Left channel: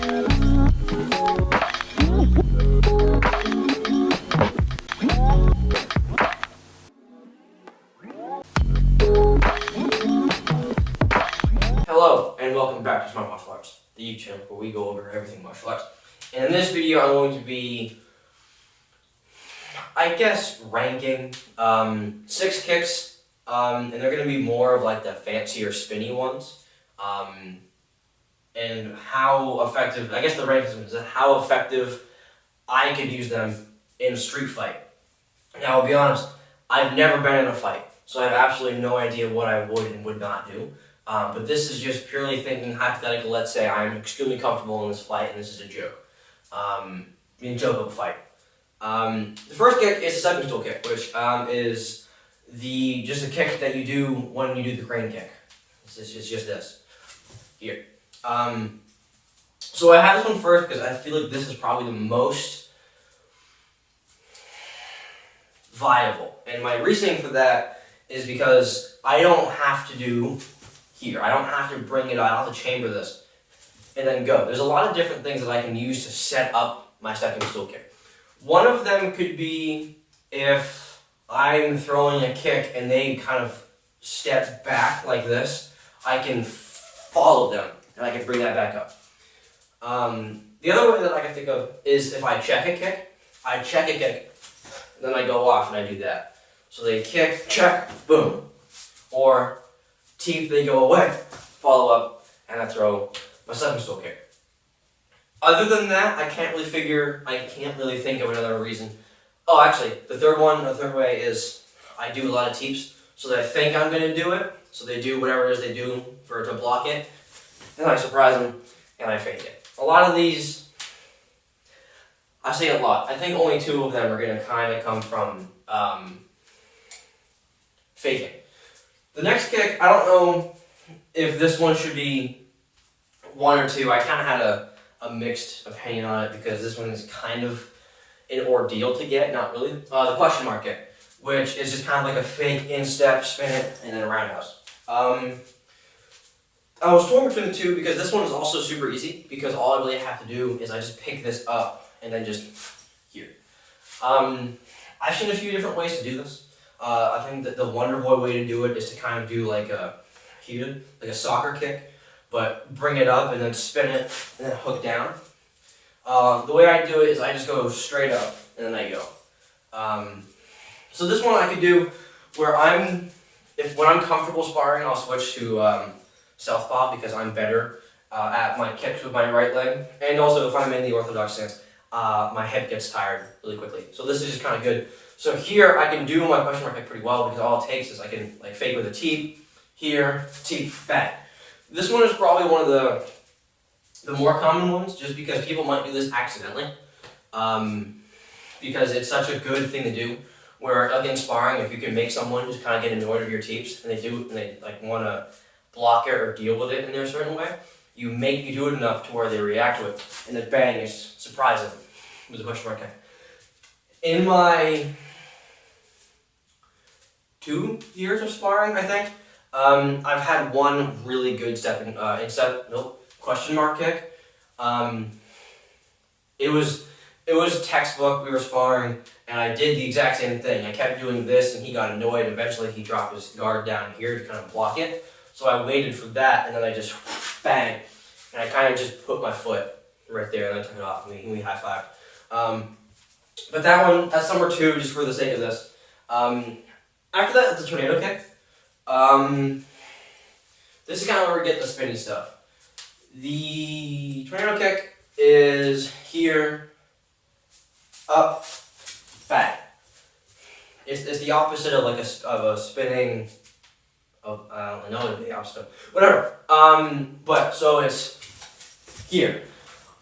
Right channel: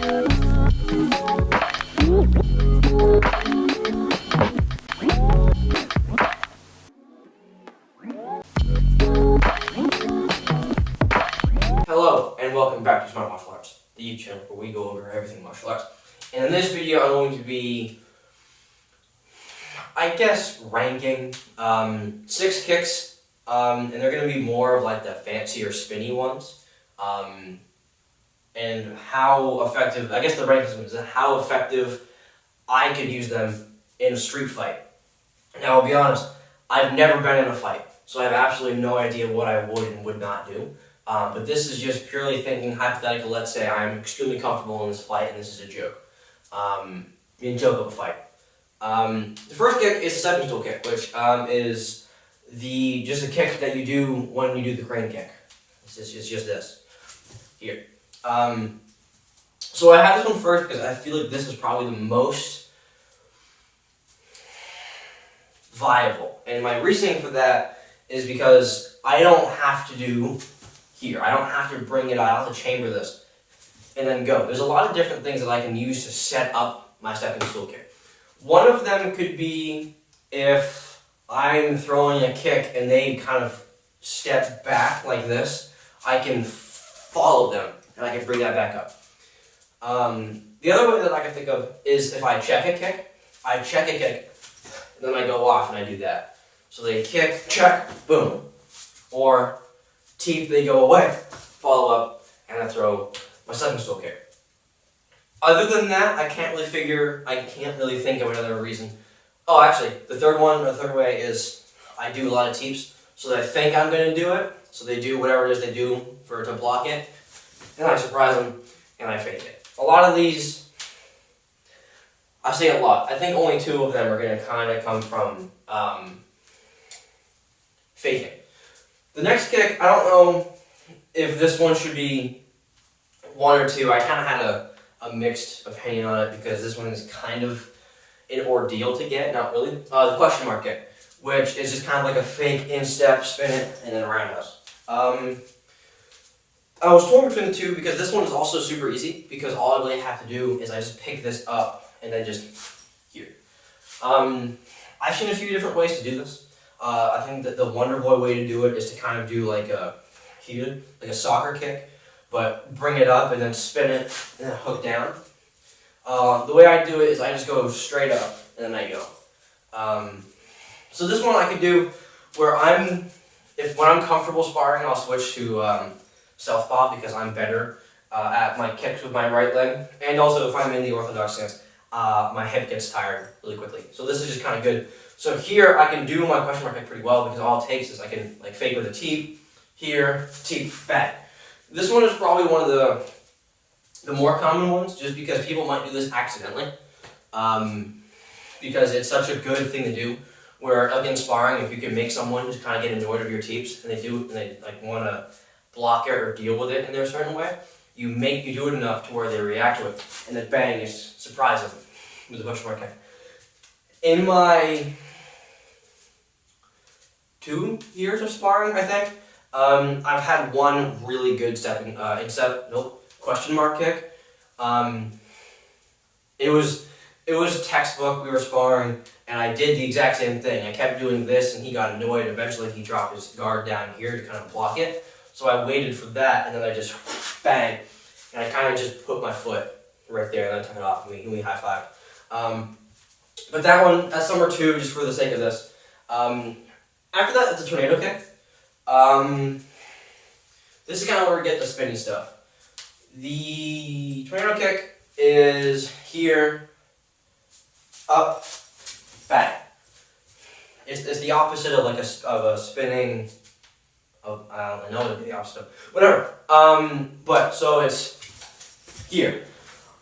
Hello and welcome back to Smart Martial Arts, the YouTube channel where we go over everything martial arts. And in this video I'm going to be, I guess, ranking 6 kicks, and they're going to be more of like the fancier spinny ones, and how effective, I guess the ranking is how effective I could use them in a street fight. Now I'll be honest, I've never been in a fight, so I have absolutely no idea what I would and would not do. But this is just purely thinking hypothetical. Let's say I'm extremely comfortable in this fight and this is a joke. A joke of a fight. The first kick is the stepping stool kick, which is just a kick that you do when you do the crane kick. It's just this. Here. So I have this one first because I feel like this is probably the most viable. And my reasoning for that is because I don't have to do here. I don't have to bring it out. I don't have to chamber this and then go. There's a lot of different things that I can use to set up my stepping stool kick. One of them could be if I'm throwing a kick and they kind of step back like this, I can follow them and I can bring that back up. The other way that I can think of is if I check a kick, and then I go off and I do that. So they kick, check, boom. Or teep, they go away, follow up, and I throw my stepping stool kick. Other than that, I can't really think of another reason. Oh, actually, the third way is I do a lot of teeps, so they think I'm going to do it, so they do whatever it is they do to block it, and I surprise them, and I fake it. A lot of these, I say a lot, I think only 2 of them are going to kind of come from faking. The next kick, I don't know if this one should be 1 or 2. I kind of had a mixed opinion on it because this one is kind of an ordeal to get, not really. The question mark kick, which is just kind of like a fake instep, spin it, and then a roundhouse. I was torn between the 2 because this one is also super easy because all I really have to do is I just pick this up and then just here. I've seen a few different ways to do this. I think that the Wonder Boy way to do it is to kind of do like a soccer kick, but bring it up and then spin it and then hook down. The way I do it is I just go straight up and then I go. So this one I could do where when I'm comfortable sparring, I'll switch to southpaw because I'm better at my kicks with my right leg, and also if I'm in the orthodox stance, my hip gets tired really quickly. So this is just kind of good. So here I can do my question mark kick pretty well because all it takes is I can like fake with a teep, here, teep, back. This one is probably one of the more common ones just because people might do this accidentally. Because it's such a good thing to do where like in sparring, if you can make someone just kind of get annoyed of your teeps and they like want to block it or deal with it in their certain way, you do it enough to where they react to it and then bang, is surprising with a question mark kick. In my 2 years of sparring, I think, I've had one really good question mark kick. It was textbook. We were sparring, and I did the exact same thing. I kept doing this, and he got annoyed. Eventually, he dropped his guard down here to kind of block it. So I waited for that, and then I just bang, and I kind of just put my foot right there, and then took it off, and we high-fived. But that's number 2, just for the sake of this. After that, it's a tornado kick. This is kind of where we get the spinny stuff. The tornado kick is here, up, back. It's the opposite of like a spinning. I don't know the opposite of whatever. But so it's here.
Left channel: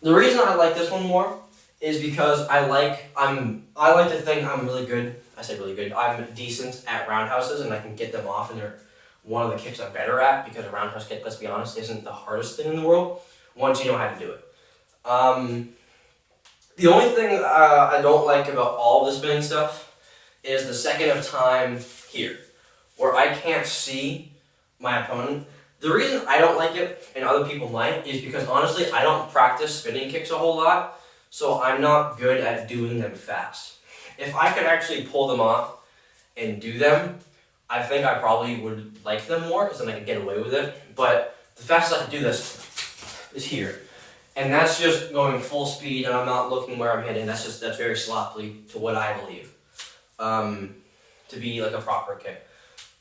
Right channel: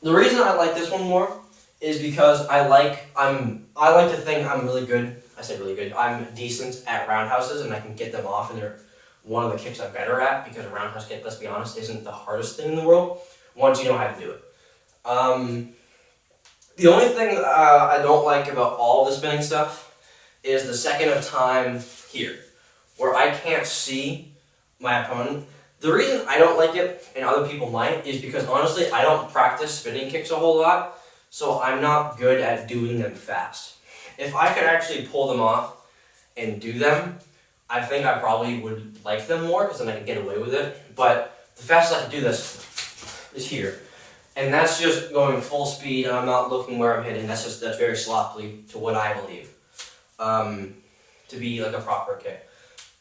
The reason I like this one more is because I like to think I'm really good. I say really good. I'm decent at roundhouses and I can get them off, and they're one of the kicks I'm better at because a roundhouse kick, let's be honest, isn't the hardest thing in the world once you know how to do it. The only thing I don't like about all the spinning stuff is the second of time here, where I can't see my opponent. The reason I don't like it, and other people might, is because honestly, I don't practice spinning kicks a whole lot, so I'm not good at doing them fast. If I could actually pull them off and do them, I think I probably would like them more, because then I could get away with it. But the fastest I can do this is here. And that's just going full speed, and I'm not looking where I'm hitting. That's very sloppily to what I believe to be like a proper kick.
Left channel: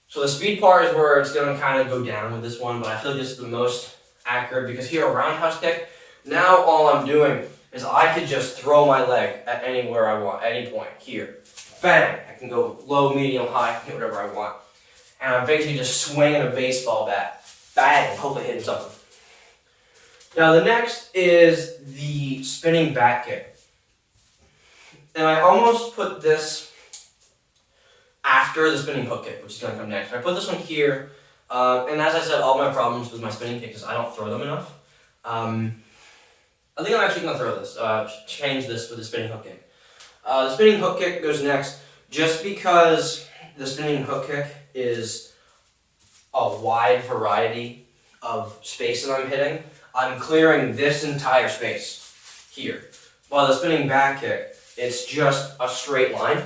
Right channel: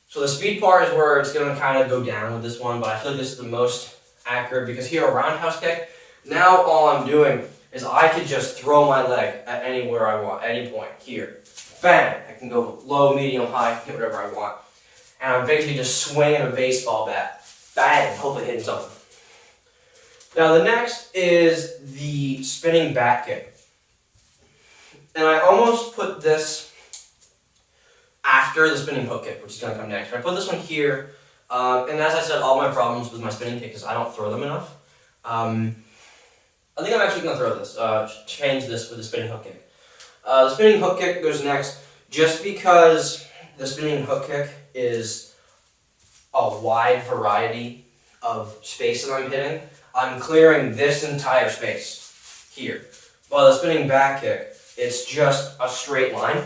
So the speed part is where it's going to kind of go down with this one, but I feel like this is the most accurate, because here, a roundhouse kick, now all I'm doing is I could just throw my leg at anywhere I want, any point. Here, bang! I can go low, medium, high, hit whatever I want. And I'm basically just swinging a baseball bat, bang, hopefully hitting something. Now the next is the spinning back kick. And I almost put this after the spinning hook kick, which is going to come next. I put this one here, and as I said, all my problems with my spinning kick is I don't throw them enough. I think I'm actually going to throw this, change this with the spinning hook kick. The spinning hook kick goes next, just because the spinning hook kick is a wide variety of space that I'm hitting. I'm clearing this entire space here. While the spinning back kick, it's just a straight line.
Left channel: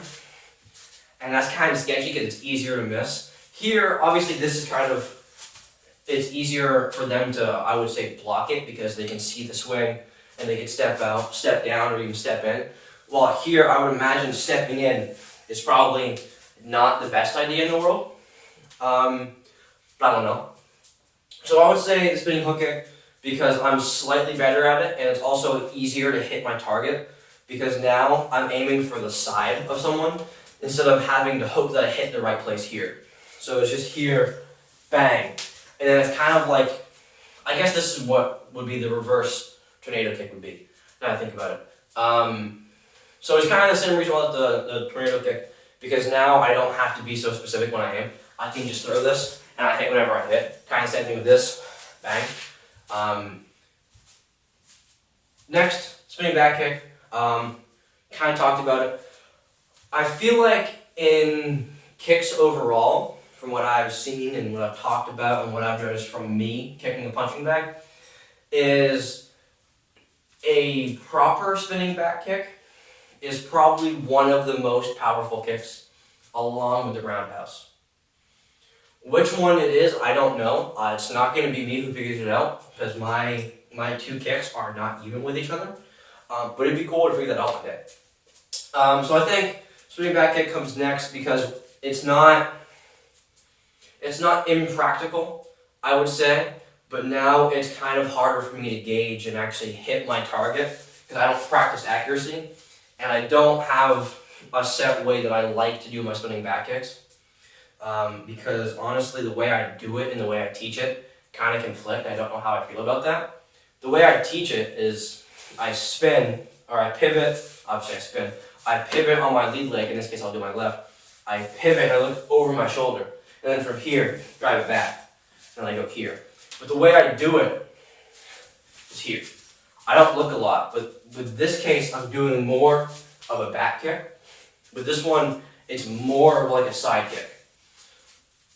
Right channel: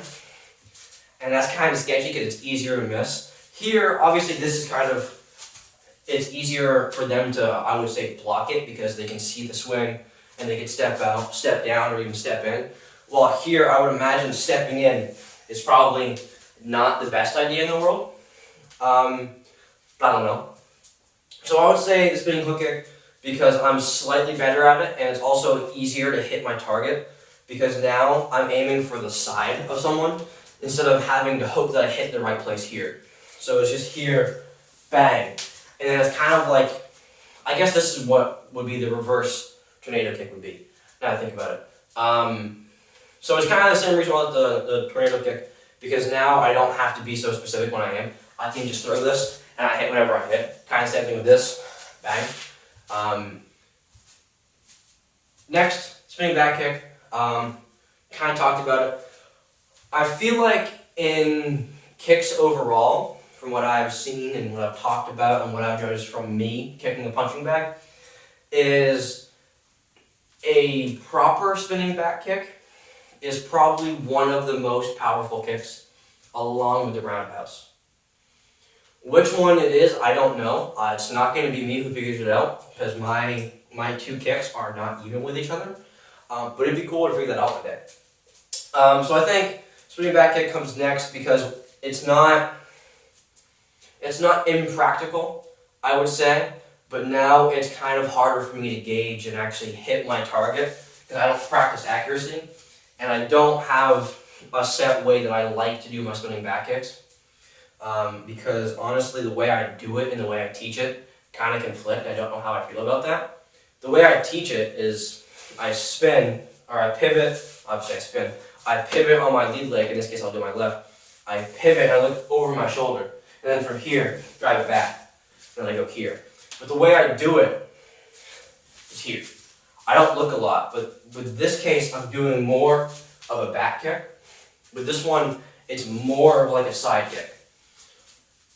And that's kind of sketchy because it's easier to miss. Here, obviously, this is it's easier for them to, I would say, block it, because they can see the swing and they can step out, step down, or even step in. While here, I would imagine stepping in is probably not the best idea in the world. But I don't know. So I would say the spinning hook kick, because I'm slightly better at it, and it's also easier to hit my target, because now I'm aiming for the side of someone instead of having to hope that I hit the right place here. So it's just here, bang. And then it's kind of like, I guess this is what would be the reverse tornado kick would be, now I think about it. So it's kind of the same reason why the tornado kick, because now I don't have to be so specific when I aim. I can just throw this, and I hit whatever I hit. Kind of same thing with this, bang. Next, spinning back kick, kind of talked about it. I feel like in kicks overall, from what I've seen and what I've talked about and what I've noticed from me kicking the punching bag, is a proper spinning back kick is probably one of the most powerful kicks, along with the roundhouse. Which one it is, I don't know. It's not going to be me who figures it out, because my two kicks are not even with each other. But it'd be cool to figure that out one day. So I think spinning back kick comes next, because it's not impractical, I would say, but now it's kind of harder for me to gauge and actually hit my target, because I don't practice accuracy, and I don't have a set way that I like to do my spinning back kicks, because honestly, the way I do it and the way I teach it kind of conflict. I don't know how I feel about that. The way I teach it is I spin, or I pivot, obviously I spin, I pivot on my lead leg, in this case I'll do my left. I pivot, I look over my shoulder, and then from here, drive it back, and then I go here. But the way I do it is here. I don't look a lot, but with this case, I'm doing more of a back kick. With this one, it's more of like a side kick.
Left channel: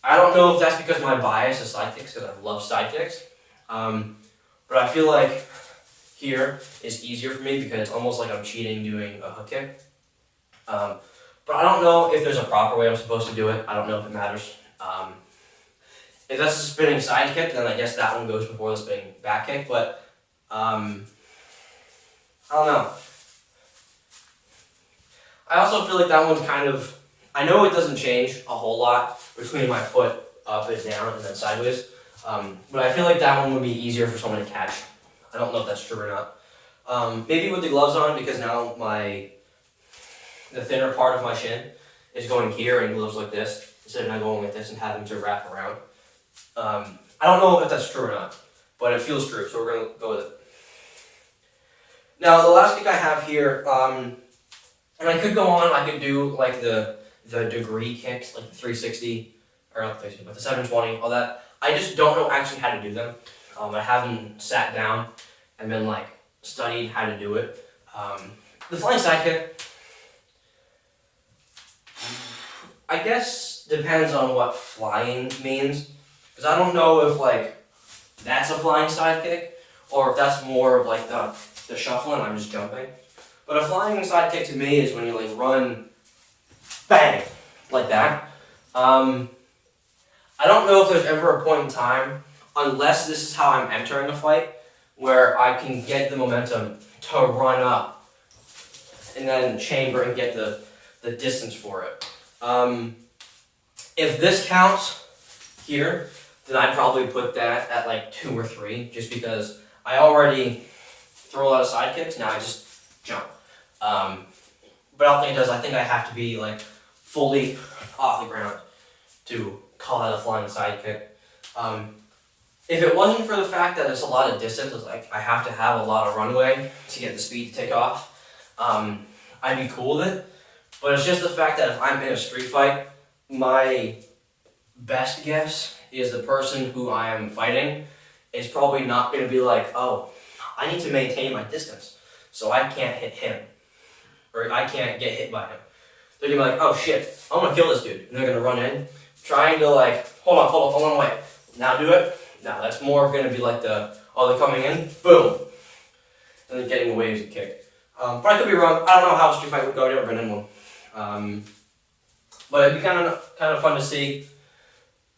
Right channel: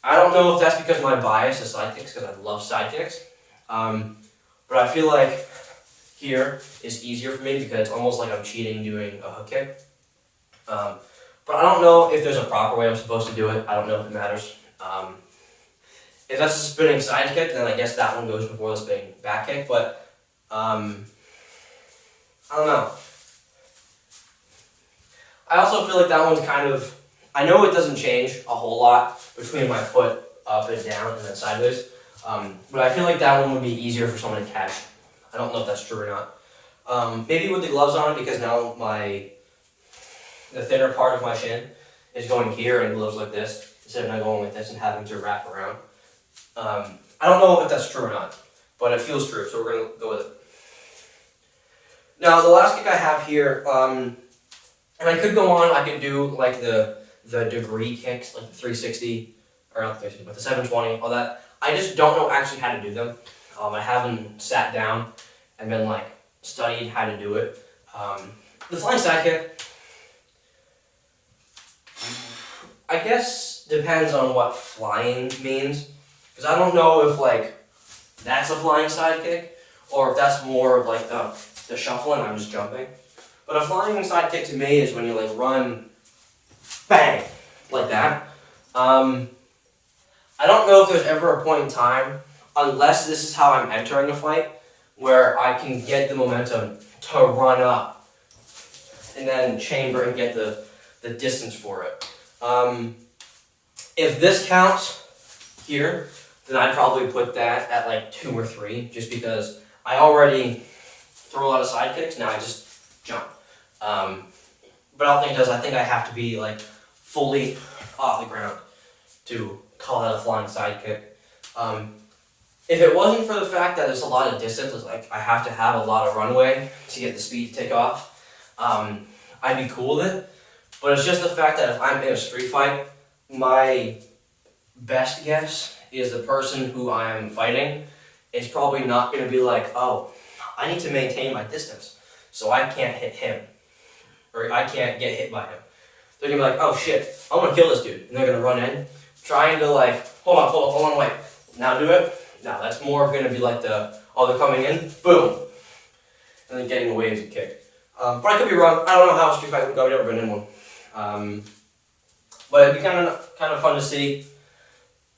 I don't know if that's because my bias is side kicks, because I love side kicks, but I feel like here is easier for me, because it's almost like I'm cheating doing a hook kick. But I don't know if there's a proper way I'm supposed to do it. I don't know if it matters. If that's a spinning side kick, then I guess that one goes before the spinning back kick, but I don't know. I also feel like that one's kind of, I know it doesn't change a whole lot between my foot up and down and then sideways, but I feel like that one would be easier for someone to catch. I don't know if that's true or not. Maybe with the gloves on, because now the thinner part of my shin is going here and gloves like this, instead of not going like this and having to wrap around. I don't know if that's true or not, but it feels true, so we're going to go with it. Now, the last kick I have here, and I could go on, I could do like the degree kicks, like the 360, or not 360, but the 720, all that. I just don't know actually how to do them. I haven't sat down and been like studied how to do it. The flying side kick, I guess depends on what flying means, because I don't know if like that's a flying sidekick, or if that's more of like the shuffling, I'm just jumping. But a flying sidekick to me is when you like run, bang, like that. I don't know if there's ever a point in time, unless this is how I'm entering a fight, where I can get the momentum to run up and then chamber and get the distance for it. If this counts here, then I'd probably put that at like 2 or 3, just because I already throw a lot of sidekicks, now I just jump. But I don't think it does. I think I have to be like fully off the ground to call that a flying sidekick. If it wasn't for the fact that it's a lot of distance, it's like I have to have a lot of runway to get the speed to take off, I'd be cool with it. But it's just the fact that if I'm in a street fight, my best guess is the person who I am fighting is probably not going to be like, oh, I need to maintain my distance, so I can't hit him, or I can't get hit by him. They're going to be like, oh shit, I want to kill this dude. And they're going to run in, trying to like, hold on, wait. Now do it. Now that's more going to be like they're coming in, boom. And then getting away as a kick. But I could be wrong. I don't know how a street fight would go. I've never been in one. But it'd be kind of fun to see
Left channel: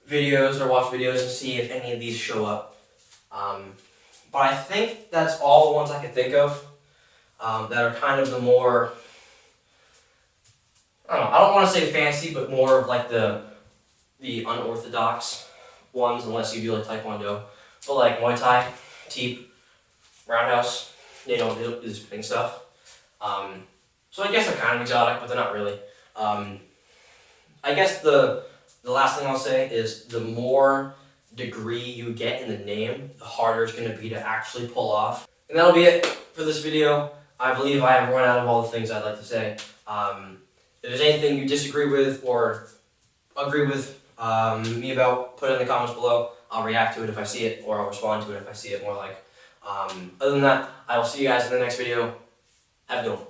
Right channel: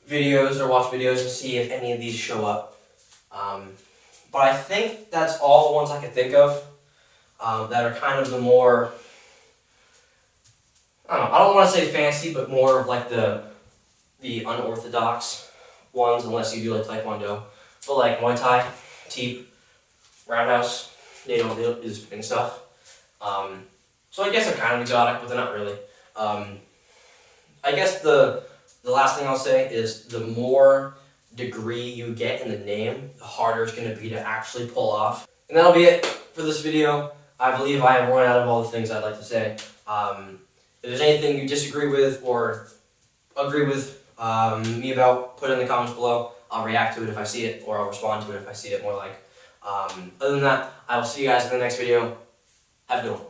videos or watch videos and see if any of these show up. But I think that's all the ones I could think of that are kind of the more, I don't want to say fancy, but more of like the unorthodox ones, unless you do like Taekwondo. But like Muay Thai, Teep, Roundhouse, they don't do the spinning stuff. So I guess they're kind of exotic, but they're not really. I guess the last thing I'll say is the more degree you get in the name, the harder it's going to be to actually pull off. And that'll be it for this video. I believe I have run out of all the things I'd like to say. If there's anything you disagree with or agree with me about, put it in the comments below. I'll react to it if I see it, or I'll respond to it if I see it more like. Other than that, I will see you guys in the next video. Have a good one.